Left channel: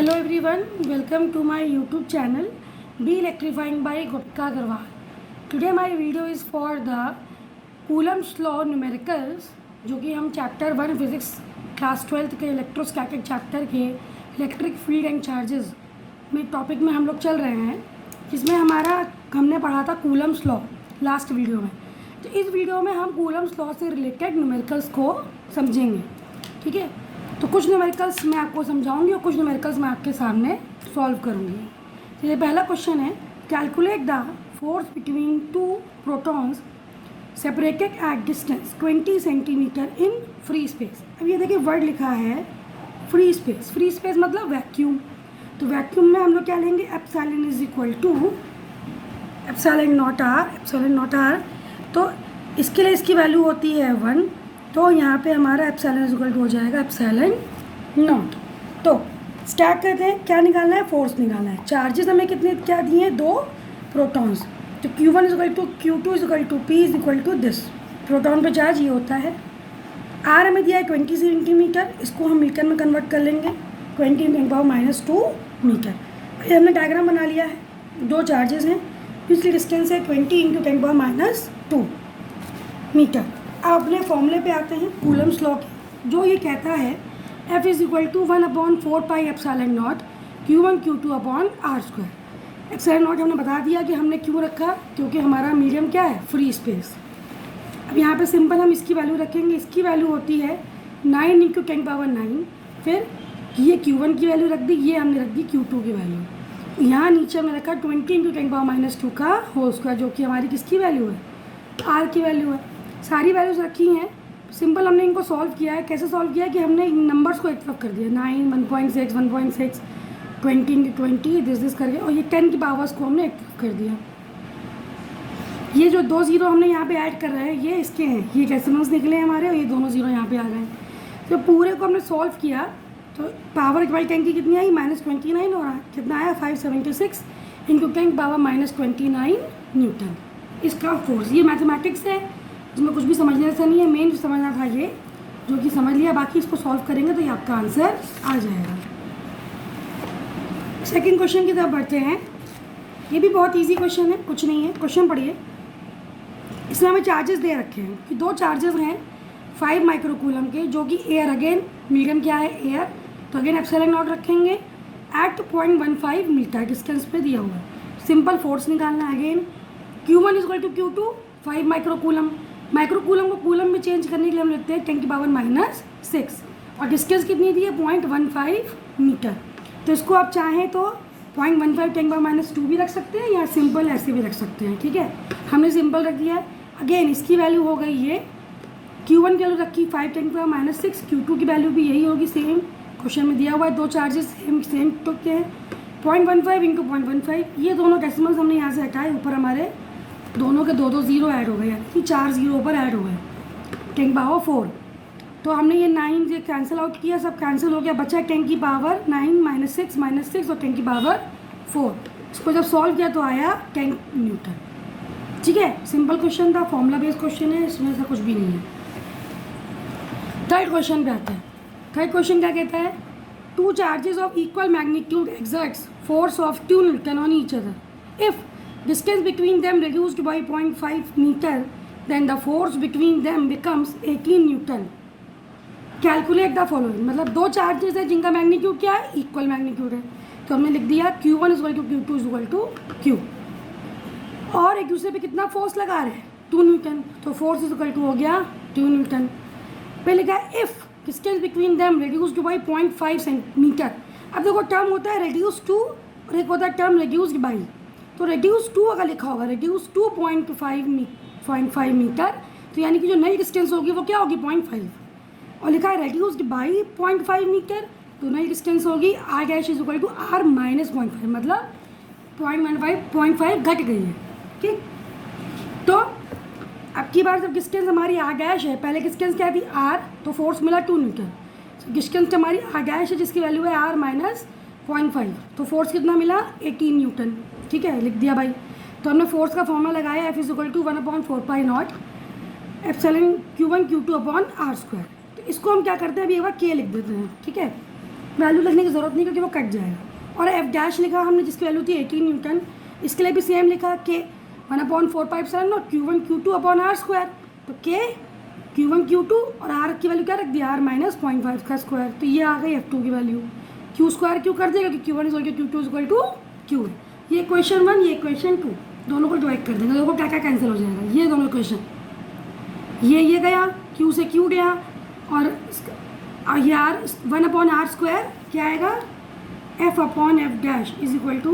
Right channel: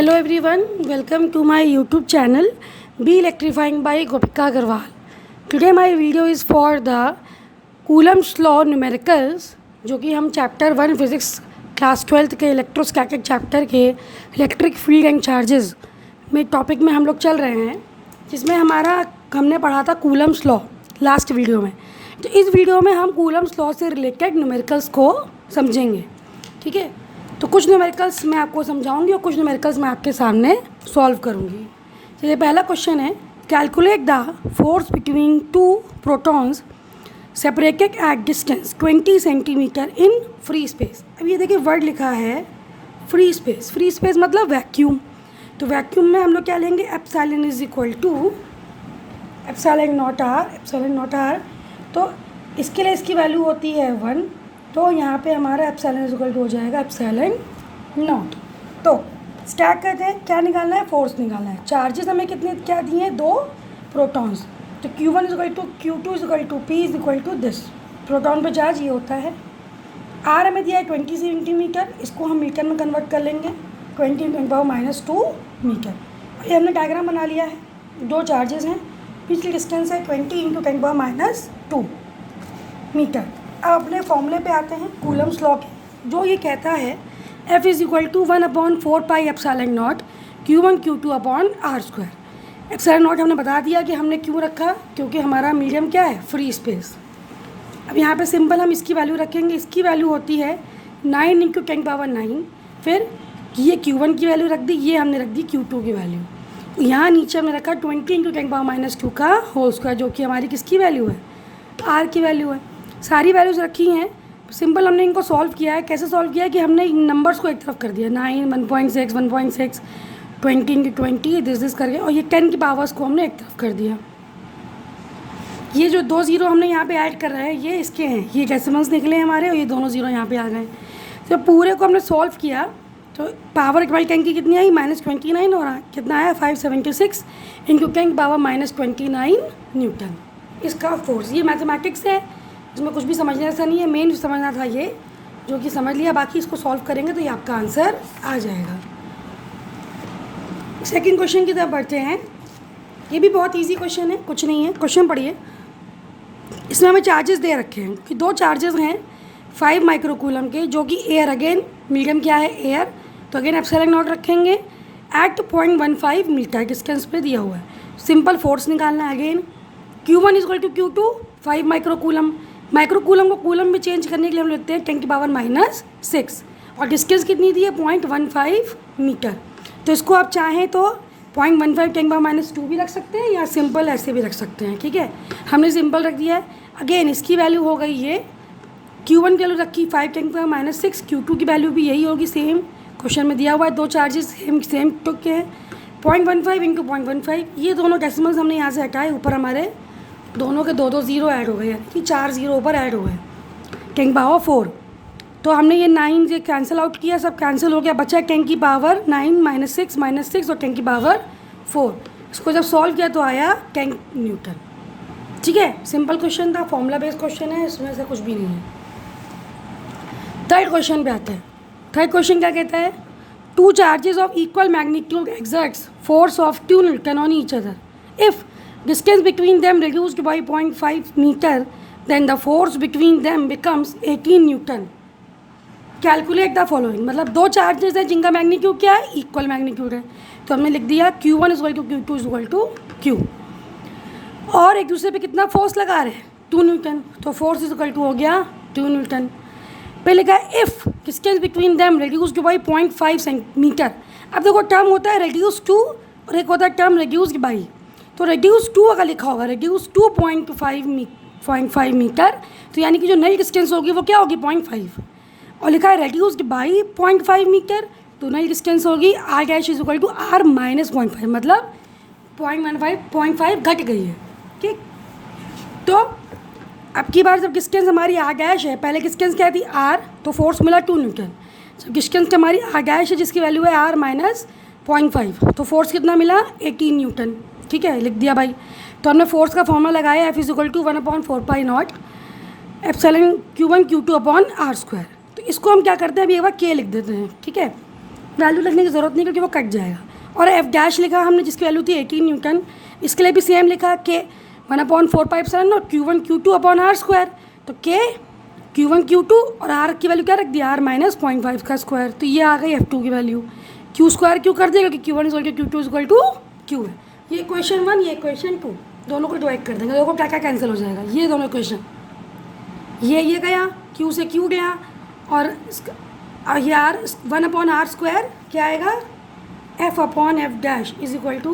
Hello everyone, welcome to my YouTube channel Be Electrifying by Gopika Agarwal. Today my video is for the Coulomb's law numericals, जो कि हम chapter 1 physics class 12th के electrostatic chapter के electric field and charges में topic में हम लोग चल रहे हैं, जिसमें हमने पढ़ा था कूलम्स लॉ लास्ट वीडियो में। तो इस वीडियो में हम कूलम्स लॉ से रिलेटेड न्यूमेरिकल्स को समझेंगे, ठीक है। तो कुछ न्यूमेरिकल्स मैं आपको समझाऊंगी और कुछ न्यूमेरिकल्स मैं आपके सामने सॉल्व करूंगी। तो ये पहला क्वेश्चन है, calculate the force between two protons separated at distance 20 centimetre in free space. अब ये देखिए वर्ड लिखा है फ्री स्पेस। फ्री स्पेस मतलब वैक्यूम। तो वैक्यूम में हम लोग क्या लेंगे, epsilon is equal to epsilon naught R. तो इसके लिए इसकी वैल्यू होती है 1। तो यहाँ पे हमारा एप्सिलॉन इज इक्वल टू हो जाएगा एप्सिलॉन नॉट। तो स्टैक करते हैं, क्या निकालना है, फोर्स निकालना है। चार्जेस हमें कितने क्या दिए हैं, 2 प्रोटॉन्स। तो Q1 is equal to Q2 is equal to P is equal to this. Proton पे चार्ज ये होता है। R हमें दिया है 20 सेंटीमीटर, इसको हम मीटर में कन्वर्ट कर लेंगे, 20 × -2 मीटर। ये हमने डायग्राम बना लिया है। 2 चार्जेस हैं, पिछली डिस्टेंस है 20 × 10⁻² मीटर। अब अपने फॉर्मूले पे आते हैं कूलम्स लॉ के, जो ये कहता है F is equal to 1/4 pi epsilon naught Q1 Q2 upon R²। Epsilon naught हमने बता दिया कि हमने क्यों रखा, क्योंकि हमारा मीडियम क्या है, फ्री स्पेस। अब यहाँ पे सिंपल हम इसकी वैल्यू रखेंगे। इसकी वैल्यू होती है 9 × 10⁻9। फिर ये Q1 की वैल्यू रख दी, ये हमने रख दी Q2 की वैल्यू। यहाँ नीचे हमने रखा 20 × 10⁻² का होल स्क्वायर, जो कि हमारी किसकी वैल्यू है, R की वैल्यू है। सारी वैल्यूज़ रखी हैं। सिंपल हमने इनको सॉल्व किया है। कैसे सॉल्व किया है कि हमने इन नंबर्स को एक तरफ कर दिया, 9, 1.6, 1.6, 20 × 20 दिस करके, और ये 10 की पावर्स को हमने एक तरफ कर दिया। ये जो 2 0 हमने यहाँ पे ऐड कर रहे हैं, ये इसके हैं, ये डेसिमल्स निकले हमारे, और ये दोनों 0 यहाँ पे आ गए। तो पूरे को हमने सॉल्व किया तो पावर 10 की कितनी आई, -29, और कितना आया 576 × 10⁻29 न्यूटन। इसका फोर्स, ये मैथमेटिक्स है, इसमें कुछ भी समझने ऐसा नहीं है। मेन समझना था ये, जो कि समझ लिया। बाकी इसको सॉल्व करेंगे तो ये आपका आंसर आ जाएगा। सेकंड क्वेश्चन की तरफ बढ़ते हैं। ये भी बहुत इजी क्वेश्चन है, कुछ नहीं है। क्वेश्चन पढ़िए। इसमें हमें चार्जेस दे रखे हैं कि 2 चार्जेस हैं 5 माइक्रोकूलम के, जो कि एयर, अगेन मीडियम क्या है, एयर। तो अगेन एप्सिलॉन नॉट रखेंगे एट 0.15 मीटर डिस्टेंस पे दिया हुआ है। सिंपल फोर्स निकालना है। Again Q1 is equal to Q2 5 microcoulomb. Microcoulomb को कूलम में चेंज करने के लिए हम लेते हैं 10⁻⁻6, और डिस्टेंस कितनी दी है, 0.15 मीटर। तो इसको आप चाहें तो 0.15 10⁻² भी रख सकते हैं, या सिंपल ऐसे भी रख सकते हैं, ठीक है। हमने सिंपल रख दिया है। अगेन इसकी वैल्यू हो गई ये, Q1 की वैल्यू रखी 5 10⁻⁶, Q2 की वैल्यू भी यही होगी, सेम क्वेश्चन में दिया हुआ है। 2 चार्जेस सेम तो क्या है, 0.15 × 0.15। ये दोनों डेसिमल्स हमने यहाँ से हटाए, ऊपर हमारे दोनों के 2 0 ऐड हो गए, यानी कि 4 0 ऊपर ऐड हो गए, 10⁻4। तो हमने ये 9 से कैंसिल आउट किया, सब कैंसिल हो गया, बचा 10⁻9 -6 और 10⁻4। इसको जब सॉल्व किया तो आया 10 न्यूटन, ठीक है। सिंपल क्वेश्चन था, फॉर्मूला बेस्ड क्वेश्चन है, इसमें से कुछ भी नहीं है। थर्ड क्वेश्चन पे आते हैं। थर्ड क्वेश्चन क्या कहता है, 2 charges of equal magnitude exerts force of 2 Newton on each other. If distance between them reduced by 0.5 meter, then the force between them becomes 18 Newton. Calculate the following। मतलब 2 charges हैं जिनका magnitude क्या है, equal magnitude है। तो हमने लिख दिया Q1 is equal to Q2 is equal to Q, और एक दूसरे पे कितना फोर्स लगा रहे हैं, 2 न्यूटन। तो फोर्स इज इक्वल टू हो गया 2 न्यूटन। पे लिखा है if distance between them reduced by 0.5 centimetre. अब देखो टर्म होता है रिड्यूस टू, और एक होता है टर्म रिड्यूस्ड बाई। तो रिड्यूस टू अगर लिखा होगा, रिड्यूस टू 0.5 मीटर, तो यानी कि जो नई डिस्टेंस होगी वो क्या होगी, 0.5। और लिखा है रिड्यूस्ड बाई 0.5 मीटर, तो नई डिस्टेंस होगी R dash is equal to R minus 0.5, मतलब 0.5 घट गई है, ठीक। तो अब की बार जब डिस्टेंस हमारी R डैश है, पहले डिस्टेंस क्या थी R, तो फोर्स मिला 2 न्यूटन। जब डिस्टेंस हमारी R डैश है जिसकी वैल्यू है R माइनस 0.5, तो फोर्स कितना मिला, 18 न्यूटन, ठीक है। लिख दिया भाई। तो हमने फोर्स का फॉर्मूला लगाया, F is equal to 1/4 pi naught epsilon Q1 Q2 upon R²। तो इसको हम क्या करते हैं, अभी एक बार K लिख देते हैं, ठीक है। वैल्यू लिखने की ज़रूरत नहीं क्योंकि वो कट जाएगा। और एफ डैश लिखा हमने जिसकी वैल्यू थी 18 न्यूटन, इसके लिए भी सेम लिखा के 1/4πε0 Q1 Q2 upon are square. तो के Q1 Q2 और आर की वैल्यू क्या रख दिया, आर माइनस 0.5 का स्क्वायर। तो ये आ गई F2 की वैल्यू। क्यू स्क्वायर क्यों कर दिया, क्योंकि Q1 = Q2 = Q है। ये क्वेश्चन 1, ये क्वेश्चन 2, दोनों को डिवाइड कर देंगे। देखो क्या क्या कैंसिल हो जाएगा, ये दोनों क्वेश्चन, ये गया, Q से Q गया, और ये आर 1/r² क्या आएगा, F/F dash is equal to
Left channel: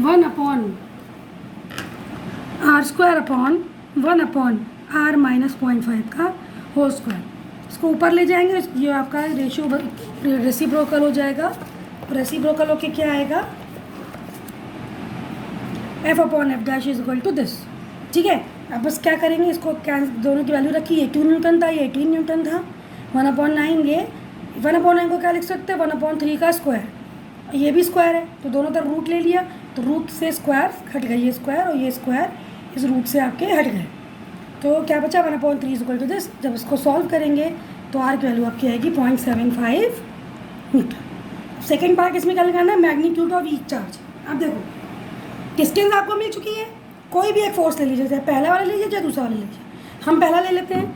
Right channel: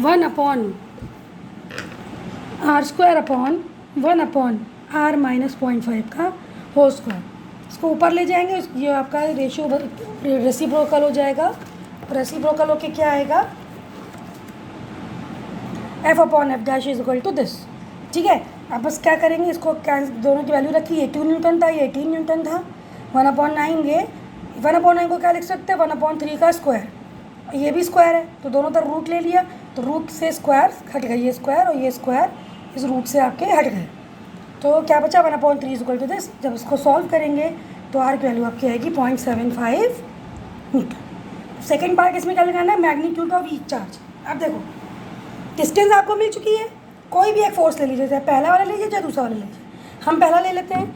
1/r² upon 1/r minus 0.5 का होल स्क्वायर। इसको ऊपर ले जाएंगे, ये आपका रेसिप्रोकल हो जाएगा। रेसिप्रोकल होके क्या आएगा, F/F dash is equal to this. ठीक है, अब बस क्या करेंगे, इसको दोनों की वैल्यू रखी, ये 2 न्यूटन था, ये 18 न्यूटन था। 1/9, ये 1/9 को क्या लिख सकते हैं, 1/3 का स्क्वायर, ये भी स्क्वायर है तो दोनों तरफ रूट ले लिया, तो रूट से स्क्वायर हट गए, ये स्क्वायर और ये स्क्वायर इस रूट से आपके हट गए। तो क्या बचा, 1/3 इज इक्वल टू दिस। जब इसको सॉल्व करेंगे तो आर की वैल्यू आपकी आएगी 0.75 मीटर। सेकेंड पार्ट इसमें क्या लगाना है, मैग्नीट्यूड ऑफ ईच चार्ज। अब देखो डिस्टेंस आपको मिल चुकी है, कोई भी एक फोर्स ले लीजिए, चाहे पहला वाला लीजिए चाहे दूसरा वाला लीजिए। हम पहला ले लेते हैं,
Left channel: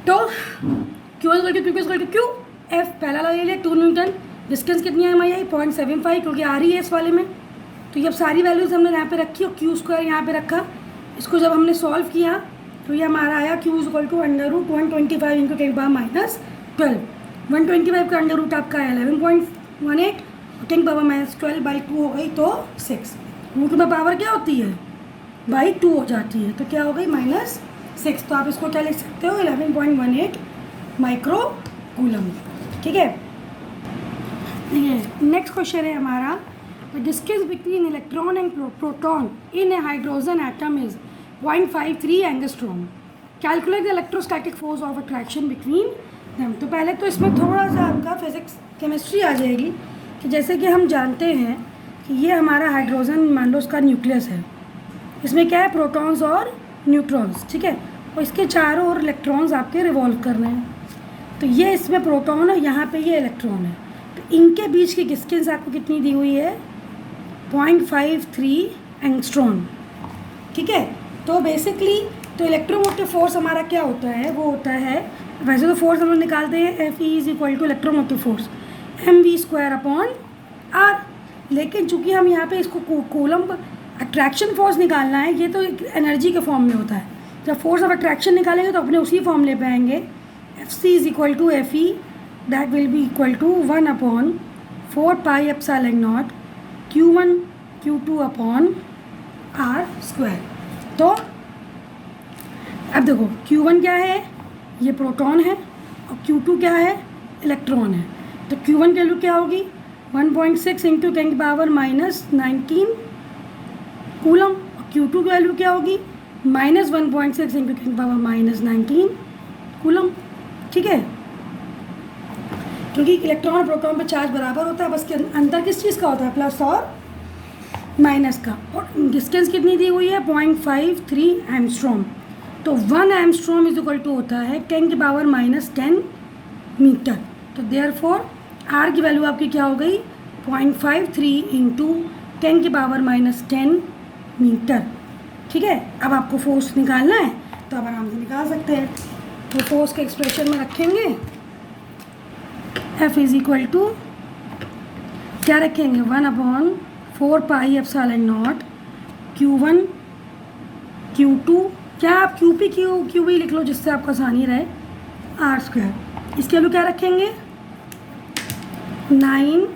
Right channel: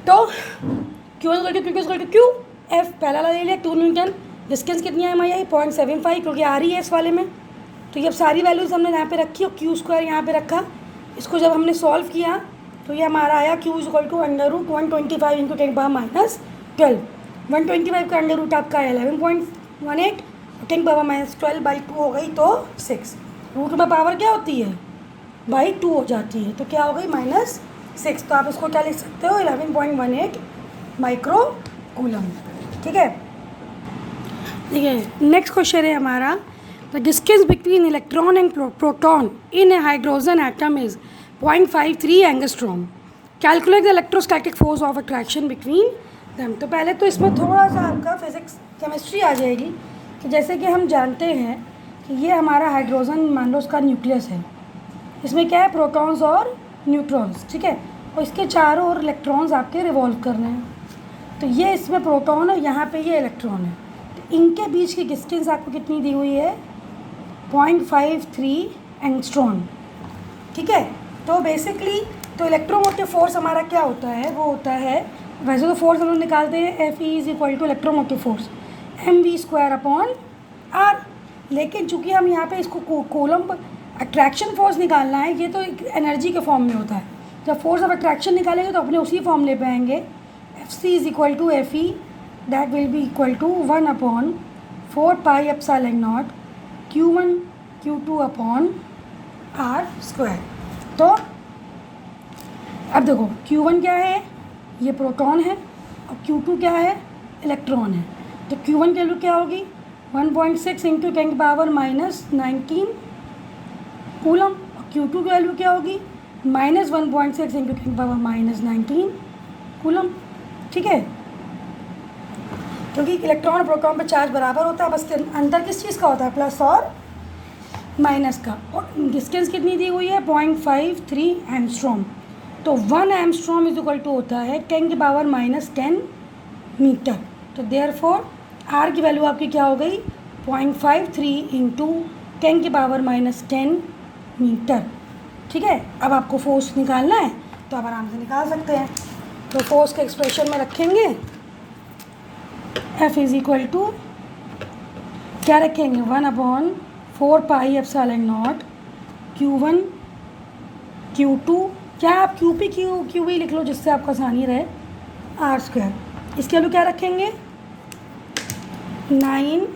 तो Q = Q, F पहला वाला ले लिया 2 न्यूटन। डिस्टेंस कितनी है हमारी आई 0.75 क्योंकि आ रही है इस वाले में। तो जब सारी वैल्यूज़ हमने यहाँ पे रखी और Q स्क्वायर यहाँ पे रखा, इसको जब हमने सॉल्व किया तो ये हमारा आया Q = √125 × 10⁻⁻12। 125 का अंडर रूट आपका 11.18, 10⁻⁻12/2 हो गई तो 6। रूट में पावर क्या होती है, /2 हो जाती है, तो क्या हो गई -6। तो आप इसको क्या लिख सकते हो, 11.18 माइक्रो कूलम। ठीक है, नेक्स्ट क्वेश्चन है हमारा, the distance between electron and proton in A hydrogen atom is 0.53 angstrom. Calculate the electrostatic force of attraction between them. तो पहले तो इसमें थोड़ा सा आपका फिजिक्स केमिस्ट्री आ जाएगी कि जैसे कि हम जानते हैं कि ये हमारा हाइड्रोजन मान लो उसका न्यूक्लियस है, इसमें क्या है, प्रोटॉन्स और न्यूट्रॉन्स। ठीक है, और इसके चारों ओर इलेक्ट्रॉन्स आपके रिवॉल्व कर रहे हैं। तो ये इसमें प्रोटॉन है, यहाँ पे ये इलेक्ट्रॉन है, तो इनके बीच की डिस्टेंस आपको कितनी दी हुई है, 0.53 एंगस्ट्रॉम। ठीक है, तो बेसिकली तो इलेक्ट्रोमोटिव फोर्स हमारा क्या होता है, वो होता है, वैसे तो फोर्स हम लोग निकालते हैं Fe = इलेक्ट्रोमोटिव फोर्स mv²/r, लेकिन चूंकि हम यहाँ पे इसको कूलम्ब अट्रैक्शन फोर्स निकालना है, ये तो एनर्जी के फॉर्म में होता है। जब फोर्स ऑफ अट्रैक्शन निकालेंगे तो अपने उसी फॉर्मूले पे आएंगे, Fc = Fe, that will be equal to 1/4πε0 Q1 Q2 upon r²। तो अब देखो Q1 क्या है, ये प्रोटॉन है, और Q2 क्या है, इलेक्ट्रॉन है। तो Q1 की वैल्यू क्या होगी, 1.6 × 10⁻⁻19 कूलम, और Q2 की वैल्यू क्या होगी, -1.6 × 10⁻⁻19 कूलम। ठीक है, क्योंकि इलेक्ट्रॉन और प्रोटॉन पे चार्ज बराबर होता है, बस के अंतर किस चीज़ का होता है, प्लस और माइनस का। और डिस्टेंस कितनी दी हुई है, 0.53 एंगस्ट्रॉम। तो 1 एंगस्ट्रॉम इज इक्वल टू होता है 10⁻⁻10 मीटर। तो देयरफॉर आर की वैल्यू आपकी क्या हो गई, 0.53 × 10⁻⁻10 मीटर। ठीक है, अब आपको फोर्स निकालना है तो आप आराम से निकाल सकते हैं। तो फोर्स के एक्सप्रेशन में रखेंगे, F = क्या रखेंगे, 1/4πε0 Q1 Q2, क्या आप QP लिख लो जिससे आपको आसानी रहे, r²। इसके वैल्यू क्या रखेंगे, 9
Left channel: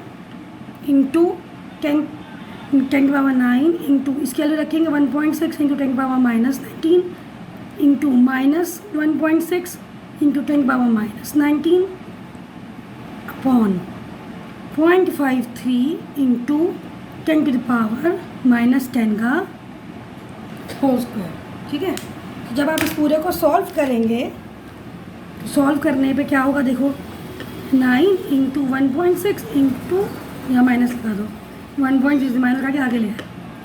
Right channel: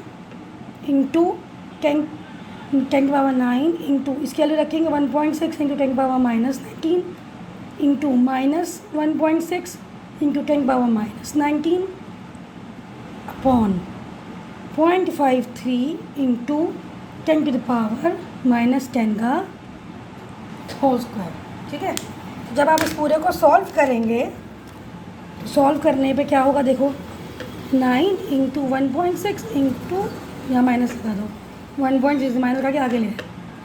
× 10⁻9 इंटू इसके वैल्यू रखेंगे 1.6 × 10⁻⁻19 इंटू -1.6 × 10⁻⁻19 अपॉन 0.53 इंटू 10⁻⁻10 का होल स्क्वायर। ठीक है, तो जब आप इस पूरे को सॉल्व करेंगे, तो सॉल्व करने पे क्या होगा, देखो 9 × 1.6 इंटू, यहाँ माइनस लगा दो, 1.6 माइनस लगा के आगे ले,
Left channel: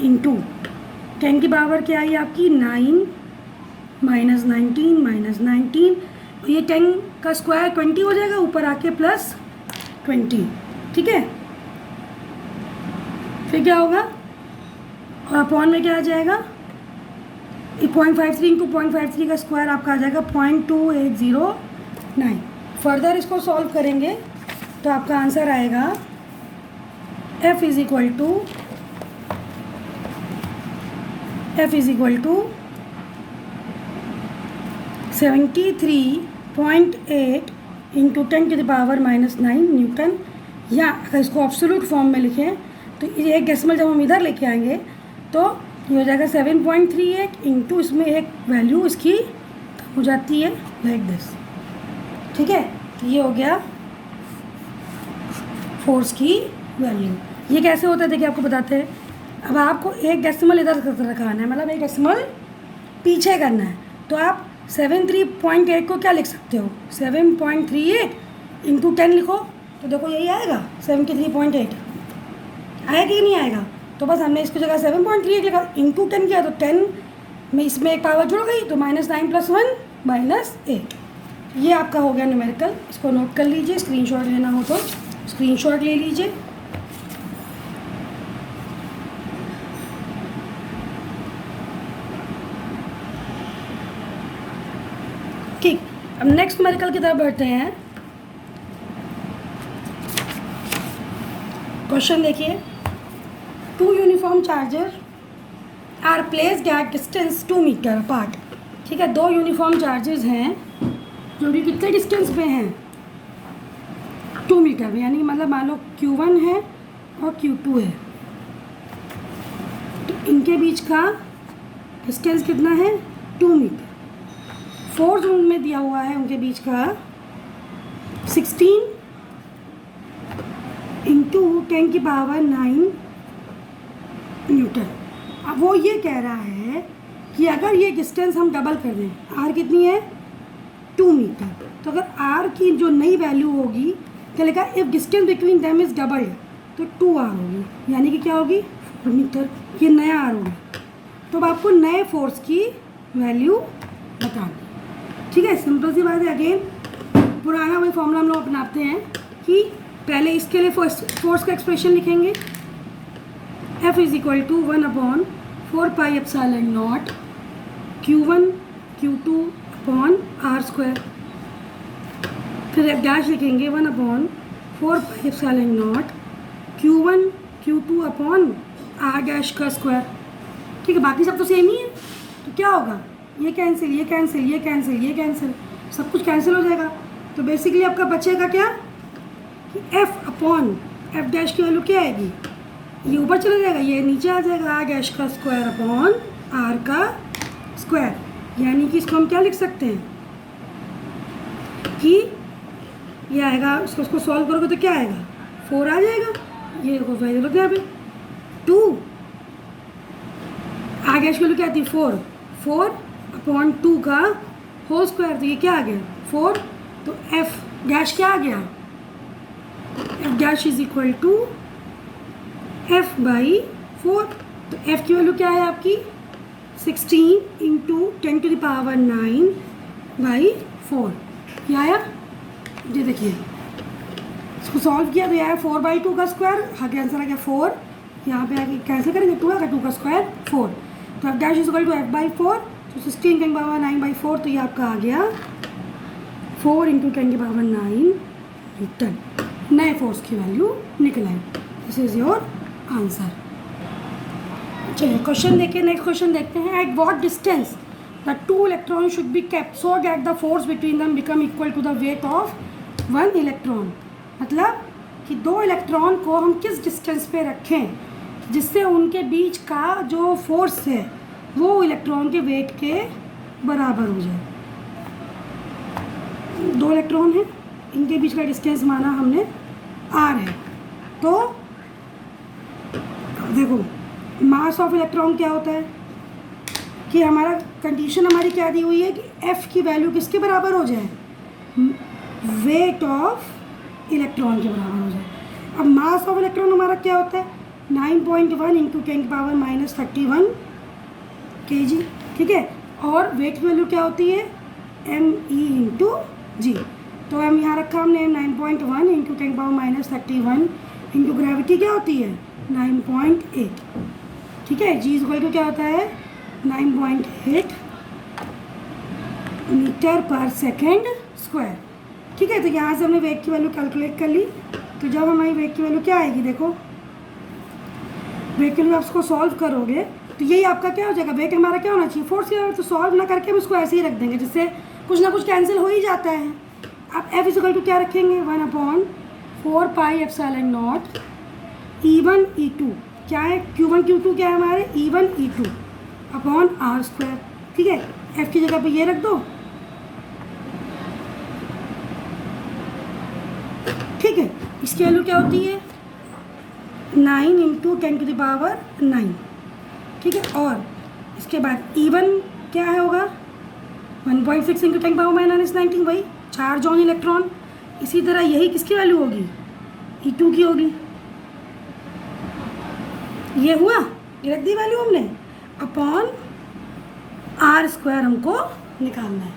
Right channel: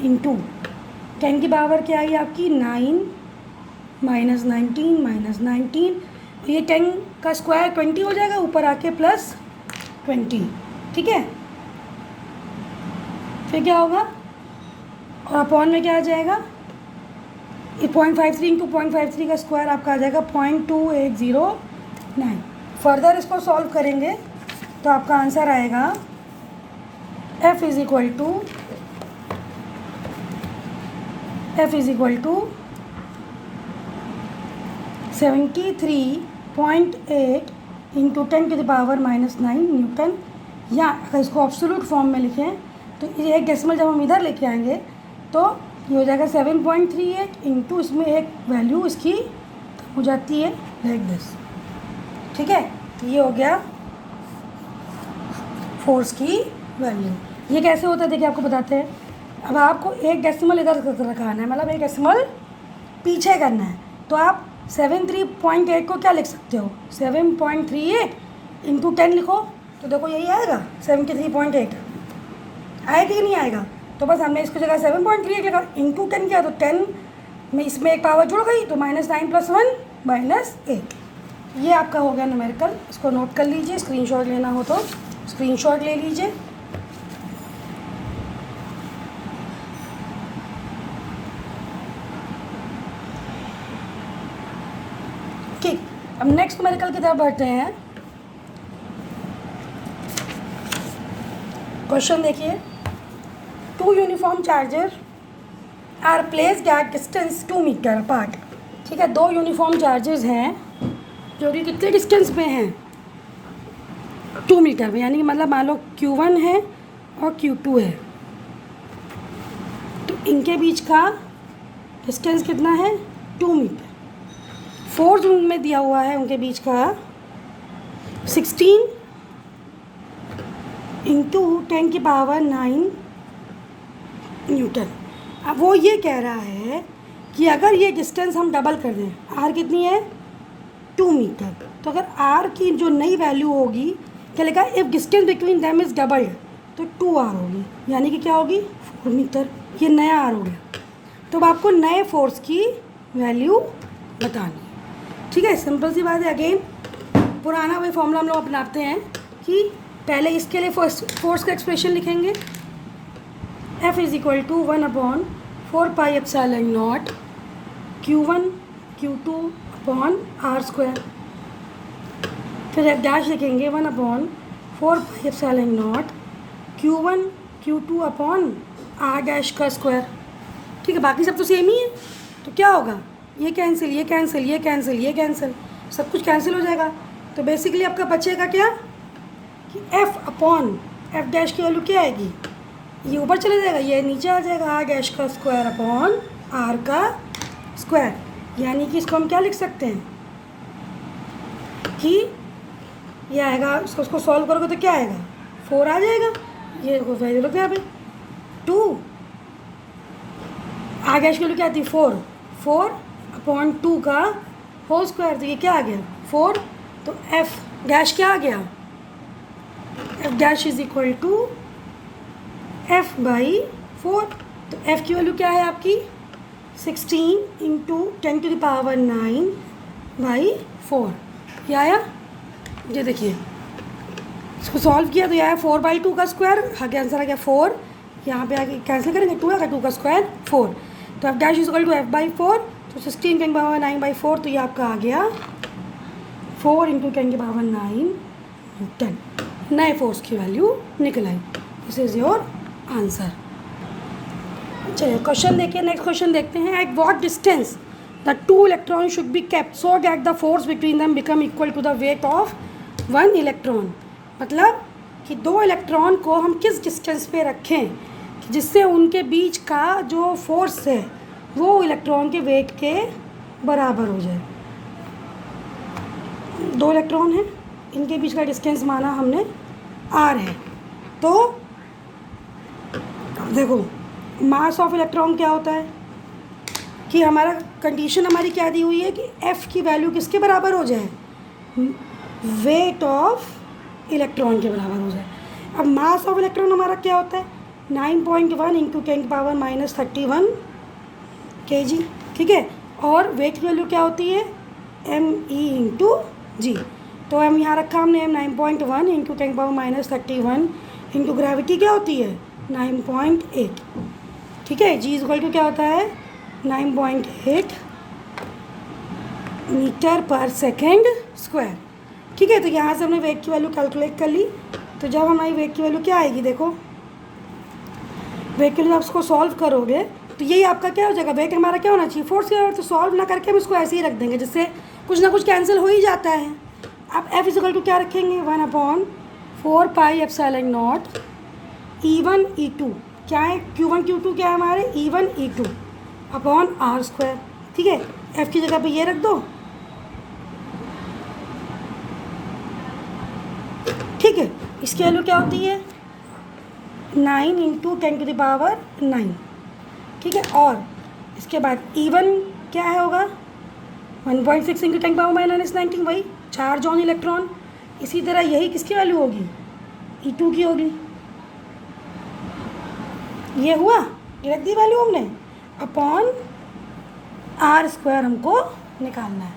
इंटू 10 की पावर क्या आई आपकी 9 -19 और ये 10 का स्क्वायर 20 हो जाएगा, ऊपर आके +20 ठीक है, फिर क्या होगा, और अपॉन में क्या आ जाएगा, 0.53 इंटू 0.53 का स्क्वायर आपका आ जाएगा 0.2809। फर्दर इसको सॉल्व करेंगे तो आपका आंसर आएगा F is equal to 73.8 into 10⁻⁹ newton, या अगर इसको एब्सोल्यूट फॉर्म में लिखें तो ये एक डेसिमल जब हम इधर लेके आएंगे तो ये हो जाएगा 7.38 इंटू इसमें एक वैल्यू इसकी हो जाती है लाइक दिस। ठीक है, तो ये हो गया फोर्स की वैल्यू। ये कैसे होता है देखिए आपको बताते हैं। अब आपको एक डेसिमल इधर रखाना है, मतलब एक डेसिमल पीछे करना है, तो आप 73.8 को क्या लिख सकते हो, 7.38 इंटू 10 लिखो तो देखो यही आएगा 73.8, आएगा कि नहीं आएगा। तो बस हमने इसको जगह 7.38 लिखा, इंटू 10 किया तो 10 में इसमें एक पावर जुड़ गई तो -9 + 1 -8। ये आपका हो गया न्यूमेरिकल। इसको नोट कर लीजिए, स्क्रीनशॉट लेना हो तो स्क्रीनशॉट ले लीजिए। ठीक, अब नेक्स्ट न्यूमेरिकल की तरफ बढ़ते हैं। क्वेश्चन देखिए, 2 uniform charger are placed at distance 2 metre apart. ठीक है, 2 यूनिफॉर्म चार्जेस हैं जो कि कितने डिस्टेंस पे हैं, 2 मीटर में, यानी कि मतलब मान लो Q1 है और Q2 है, तो इनके बीच का डिस्टेंस कितना है, 2 मीटर। फोर्स रूम में दिया हुआ है उनके बीच का 16 इंटू 10⁹ न्यूटन। अब वो ये कह रहा है कि अगर ये डिस्टेंस हम डबल कर दें, आर कितनी है, 2 मीटर, तो अगर आर की जो नई वैल्यू होगी क्या लिखा, if distance between them is doubled तो 2r होगी, यानी कि क्या होगी, 4 मीटर। ये नया आर हो गया। तो अब आपको नए फोर्स की वैल्यू बतानी है। ठीक है, सिंपल सी बात है। अगेन पुराना वही फॉर्मूला हम लोग अपनाते हैं कि पहले इसके लिए फोर्स का एक्सप्रेशन लिखेंगे, F is equal to 1/4πε0 Q1 Q2 upon r²। फिर F डैश लिखेंगे 1/4πε0 Q1 Q2 अपॉन r डैश का स्क्वायर। ठीक है, बाकी सब तो सेम ही है, तो क्या होगा, ये कैंसिल, ये कैंसिल, ये कैंसिल, ये कैंसिल, सब कुछ कैंसिल हो जाएगा। तो बेसिकली आपका बचेगा क्या कि F अपॉन F डैश की वैल्यू क्या आएगी, ये ऊपर चला जाएगा, ये नीचे आ जाएगा, r डैश का स्क्वायर अपॉन r का स्क्वायर। यानी कि इसको हम क्या लिख सकते हैं कि ये आएगा, उसको सॉल्व करोगे तो क्या आएगा, 4 आ जाएगा। ये वैल्यू क्या है 2, r डैश की वैल्यू क्या आती है 4 अपॉन 2 का होल स्क्वायर, तो ये क्या आ गया 4। तो F डैश क्या आ गया, F dash is equal to F/4। तो F की वैल्यू क्या है आपकी 16 इंटू 10⁹ क्या आया, ये देखिए इसको सॉल्व किया तो यह आया 4/2 का स्क्वायर, आगे आंसर आ गया 4। यहाँ पे आगे कैंसिल करेंगे, 2 आएगा, 2 का स्क्वायर 4। तो F dash is equal to F/4, तो 16 10⁻⁹/4, तो ये आपका आ गया 4 इंटू 10⁹ न्यूटन। नए फोर्स की वैल्यू निकल आई। This is your answer. चलिए क्वेश्चन देखिए, नेक्स्ट क्वेश्चन देखते हैं। At what distance the 2 electron should be kept so that the force between them become equal to the weight of 1 electron. मतलब कि 2 इलेक्ट्रॉन को हम किस डिस्टेंस पे रखें जिससे उनके बीच का जो फोर्स है वो इलेक्ट्रॉन के वेट के बराबर हो जाए। 2 इलेक्ट्रॉन हैं, इनके बीच का डिस्टेंस माना हमने r है। तो देखो मास ऑफ इलेक्ट्रॉन क्या होता है कि हमारा कंडीशन हमारी क्या दी हुई है कि F की वैल्यू किसके बराबर हो जाए, वेट ऑफ इलेक्ट्रॉन के बराबर हो जाए। अब मास ऑफ इलेक्ट्रॉन हमारा क्या होता है 9.1 इंटू 10⁻31 kg। ठीक है, और वेट की वैल्यू क्या होती है me इंटू g। तो हम यहाँ रखा हमने 9.1 इंटू 10⁻31 इंटू ग्रेविटी क्या होती है 9.8। ठीक है, जी इक्वल टू क्या होता है 9.8 मीटर पर सेकेंड स्क्वायर। ठीक है, तो यहाँ से हमने वेग की वैल्यू कैलकुलेट कर ली। तो जब हमारी वेग की वैल्यू क्या आएगी, देखो वेग के लिए आप उसको सॉल्व करोगे तो यही आपका क्या हो जाएगा, वेग हमारा क्या होना चाहिए फोर्स के। तो सॉल्व ना करके हम इसको ऐसे ही रख देंगे, जिससे कुछ ना कुछ कैंसिल हो ही जाता है। आप एफ इक्वल टू क्या रखेंगे 1/4πε0 E1 E2 क्या है, Q1 Q2 क्या है हमारे E1 E2 अपॉन R²। ठीक है, एफ की जगह पे ये रख दो। ठीक है, इसकी वैल्यू क्या होती है 9 इंटू 10⁻9। ठीक है, और इसके बाद E1 क्या है होगा 1.6 इंटू 10⁻−19, वही चार्ज ऑन इलेक्ट्रॉन। इसी तरह यही किसकी वैल्यू होगी E2 की होगी। ये हुआ, ये रख दी वैल्यू हमने अपॉन R² हमको निकालना है।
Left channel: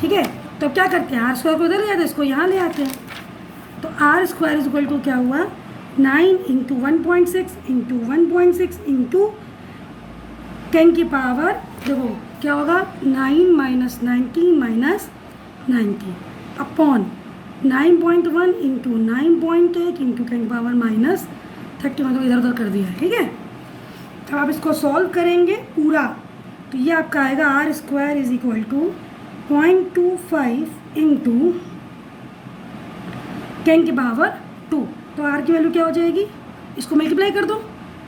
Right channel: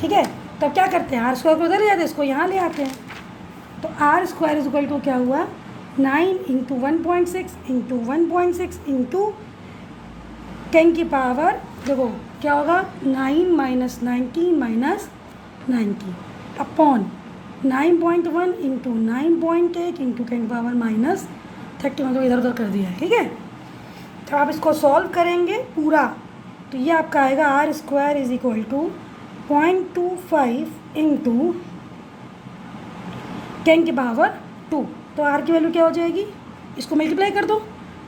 ठीक है, तो क्या करते हैं R² को उधर ले जाते हैं, इसको यहाँ ले आते हैं। तो R² इक्वल टू क्या हुआ 9 इंटू 1.6 इंटू 1.6 इंटू 10 की पावर देखो क्या होगा 9 minus 19 minus 90 upon 9.1 into 9.8 into 10⁻−31 मतलब इधर उधर कर दिया। ठीक है, तो आप इसको सॉल्व करेंगे पूरा तो ये आपका आएगा R² is equal to 0.25 into 10⁻²। तो R की वैल्यू क्या हो जाएगी, इसको मल्टीप्लाई कर दो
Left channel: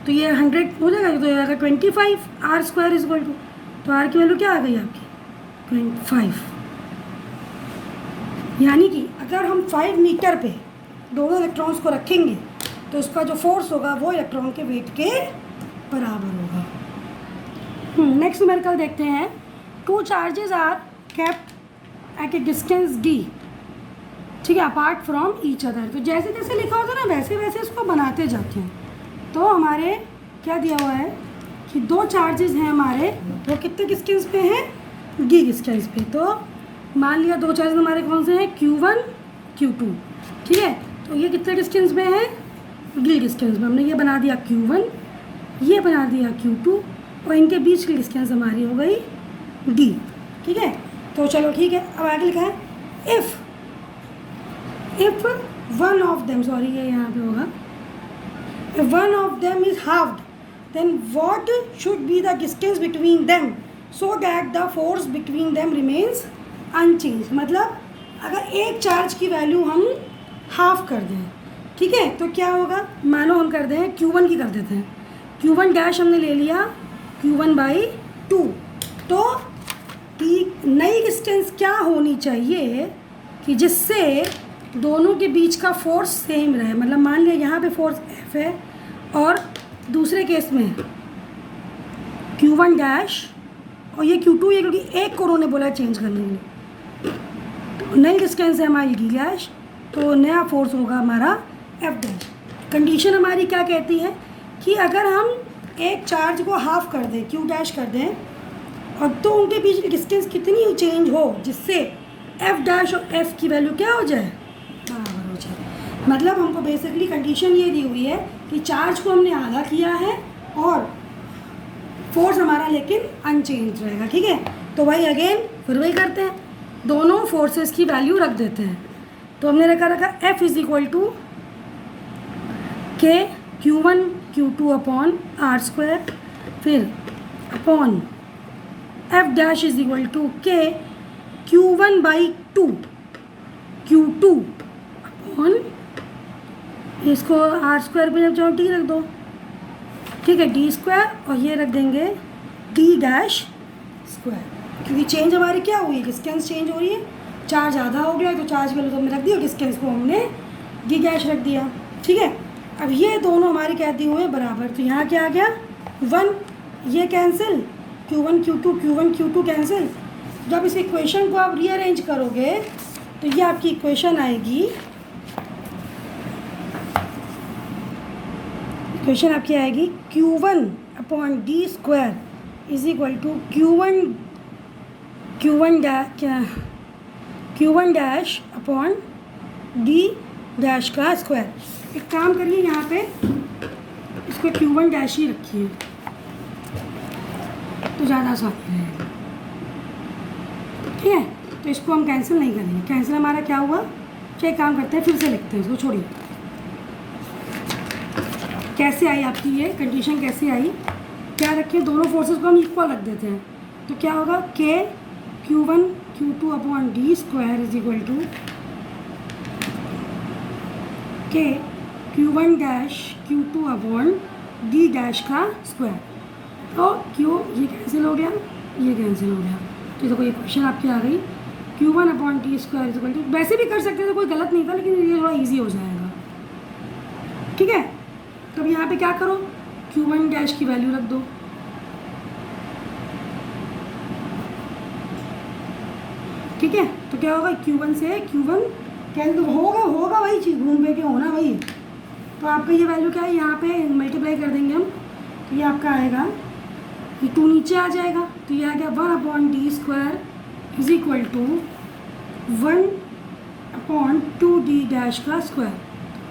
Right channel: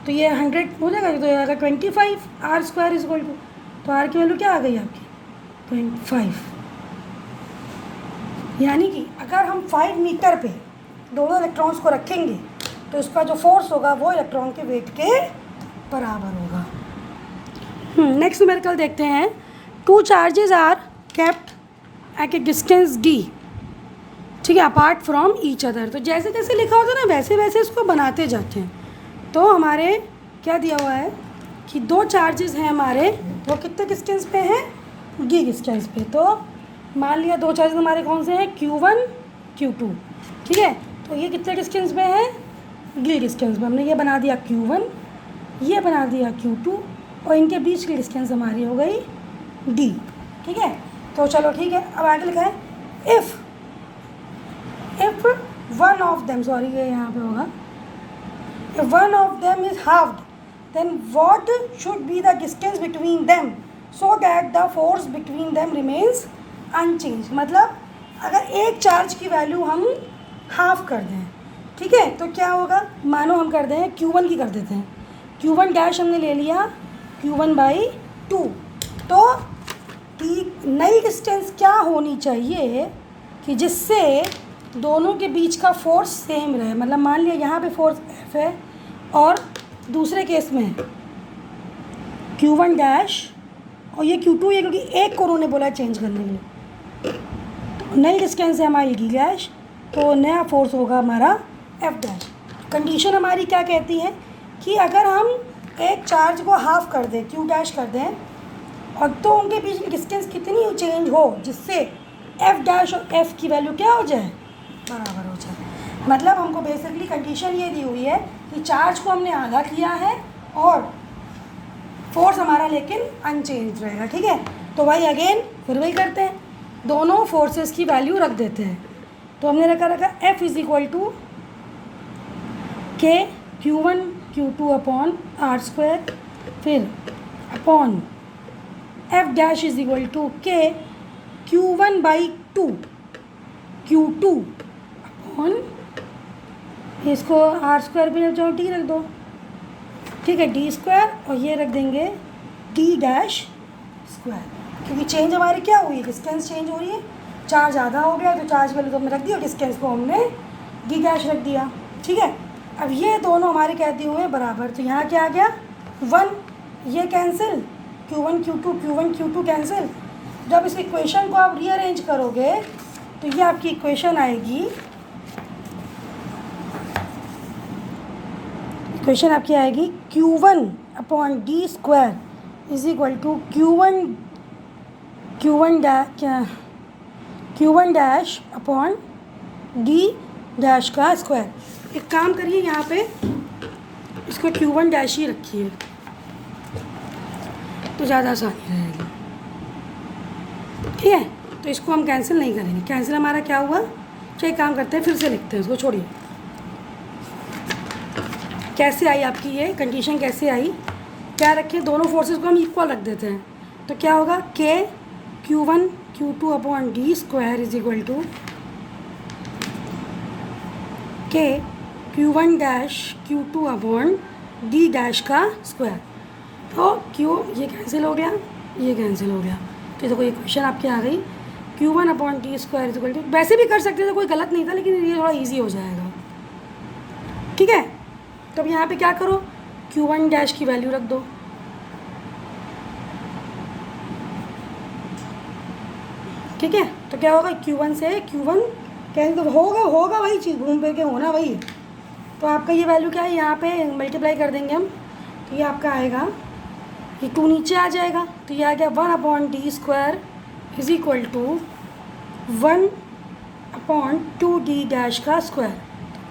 तो ये 100 हो जाएगा, तो ये आएगा 25 R² इज इक्वल टू। तो R की वैल्यू क्या आ गई आपकी 25। यानी कि अगर हम 5 मीटर पे दोनों इलेक्ट्रॉन्स को रखेंगे तो इसका जो फोर्स होगा वो इलेक्ट्रॉन के वेट के बराबर होगा। नेक्स्ट न्यूमेरिकल देखते हैं। 2 charges are kept at a distance d। ठीक है, अपार्ट फ्रॉम ईच अदर। तो जैसे जैसे लिखा होता है ना वैसे वैसे इसको बनाते जाते हैं। तो हमारे क्या दिया हुआ है कि 2 चार्जेस हैं हमारे, वो कितने डिस्टेंस पे हैं d डिस्टेंस पे। तो मान लिया 2 चार्जेस हमारे कौन से हैं Q1 Q2। ठीक है, तो ये कितने डिस्टेंस पे हैं d डिस्टेंस में। हमने ये बना दिया Q1, ये बना दिया Q2 और इनके बीच की डिस्टेंस हमारी हो गई d। ठीक है, तो चलो ठीक है, अब आगे लिखा है if one of them, sorry ये यहाँ पे होगा, if one of them is halved then what should be the distance between them so that the force between them remains unchange. मतलब अगर एक चार्ज की वैल्यू हम हाफ कर दें, ठीक है, तो क्या होगा, मानो हम कर दें Q1 की कर देते हैं, Q1 डैश हमने ले लिया Q1/2। तो नई डिस्टेंस क्या होनी चाहिए कि जिससे दोनों के बीच का फोर्स सेम रहे। मतलब मान लिया यहाँ पे फोर्स F है और दूसरे केस में Q1 डैश और ये Q2 है, क्योंकि एक को उन्होंने बोला चेंज करने के लिए। तो नई डिस्टेंस है हमारी D डैश, तो नया फोर्स होगा हमारा F डैश। कंडीशन हमारी क्या कहती है कि अगर हम एक चार्ज को हाफ कर दें Q डैश कर दें और तो उनके बीच की डिस्टेंस कितनी चेंज हो जिससे F डैश और F की वैल्यू क्या हो जाए बराबर हो जाए। मतलब हमको बेसिकली कंडीशन ये दी हुई है कि चार्ज को हमने आधा किया है और फोर्स हमारा लेकिन अनचेंज रहेगा। ठीक है, तो वही अगेन फिर वही करते हैं, दोनों फोर्सेस की वैल्यू रख देते हैं। तो हमने रखा F is equal to K Q1 Q2 upon R², फिर upon F dash is equal to K Q1/2 Q2 upon इसको R² पे जब चाहो T रख दो। ठीक है, D² और ये रख देंगे D डैश स्क्वायर, क्योंकि चेंज हमारी क्या हुई, डिस्टेंस चेंज हो रही है, चार्ज आधा हो गया तो चार्ज वैल्यू तो हमने रख दिया, डिस्टेंस को हमने D डैश रख दिया। ठीक है, अब ये दोनों हमारे क्या दिए हुए बराबर, तो यहाँ क्या आ गया 1, ये कैंसिल Q1 Q2 कैंसिल। जब इस इक्वेशन को आप रीअरेंज करोगे तो ये आपकी इक्वेशन आएगी, इक्वेशन आपकी आएगी Q1 upon D² is equal to Q1 dash upon D dash का स्क्वायर। एक काम करिए, यहाँ पे इसको Q1 डैश ही रखिए तो ज़्यादा आसानी रहेगी। ठीक है, तो इसको हम कैंसिल नहीं करेंगे। कैंसिल हमारा क्या हुआ, क्या काम करते हैं, फिर से लिखते हैं इसको, छोड़िए। कैसे आई आपकी ये कंडीशन, कैसे आई, क्या रखें, दोनों फोर्सेस को हम इक्वल रख देते हैं। तो क्या होगा, K Q1 Q2 upon D square is equal to K Q1 dash Q2 upon D dash का स्क्वायर। तो क्यों ये कैंसिल हो गया, ये कैंसिल हो गया, तो देखो ये क्वेश्चन आपकी आ गई। Q1 upon T square is equal to, वैसे भी कर सकते थे, कोई गलत नहीं था, लेकिन ये थोड़ा ईजी हो जाएगा। ठीक है, तो अब यहाँ पे क्या करो, Q1 डैश की वैल्यू रख दो। ठीक है, तो क्या होगा, Q1 से Q1 कैंसिल होगा वही चीज़, घूम फिर के होना वही। तो आपका ये वैल्यू क्या है, यहाँ पे मल्टीप्लाई कर देंगे हम, तो ये आपका आएगा, ये 2 नीचे आ जाएगा, तो ये आ गया 1 upon D square is equal to 1 upon 2d dash का स्क्वायर।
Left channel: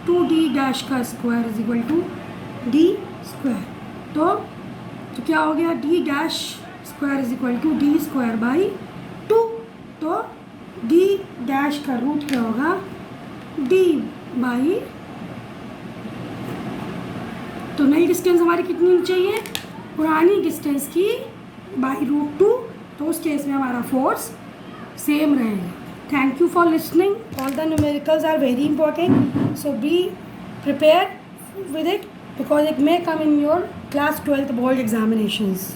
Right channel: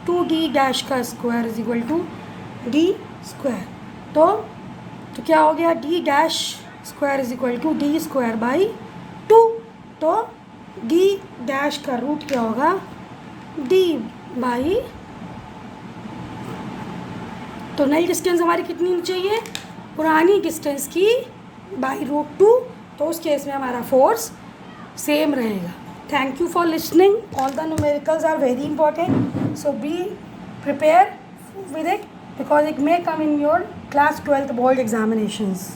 2d डैश का square is equal to D square. तो क्या हो गया, d dash square is equal to D square by 2। तो d डैश का रूट क्या होगा, d बाई, तो नई डिस्टेंस हमारी कितनी होनी चाहिए, पुरानी डिस्टेंस की बाई √2। तो उस केस में हमारा फोर्स सेम रहेगा। Thank you for listening. All the numericals are very important, so be prepare with it because it may come in your class 12th board examinations.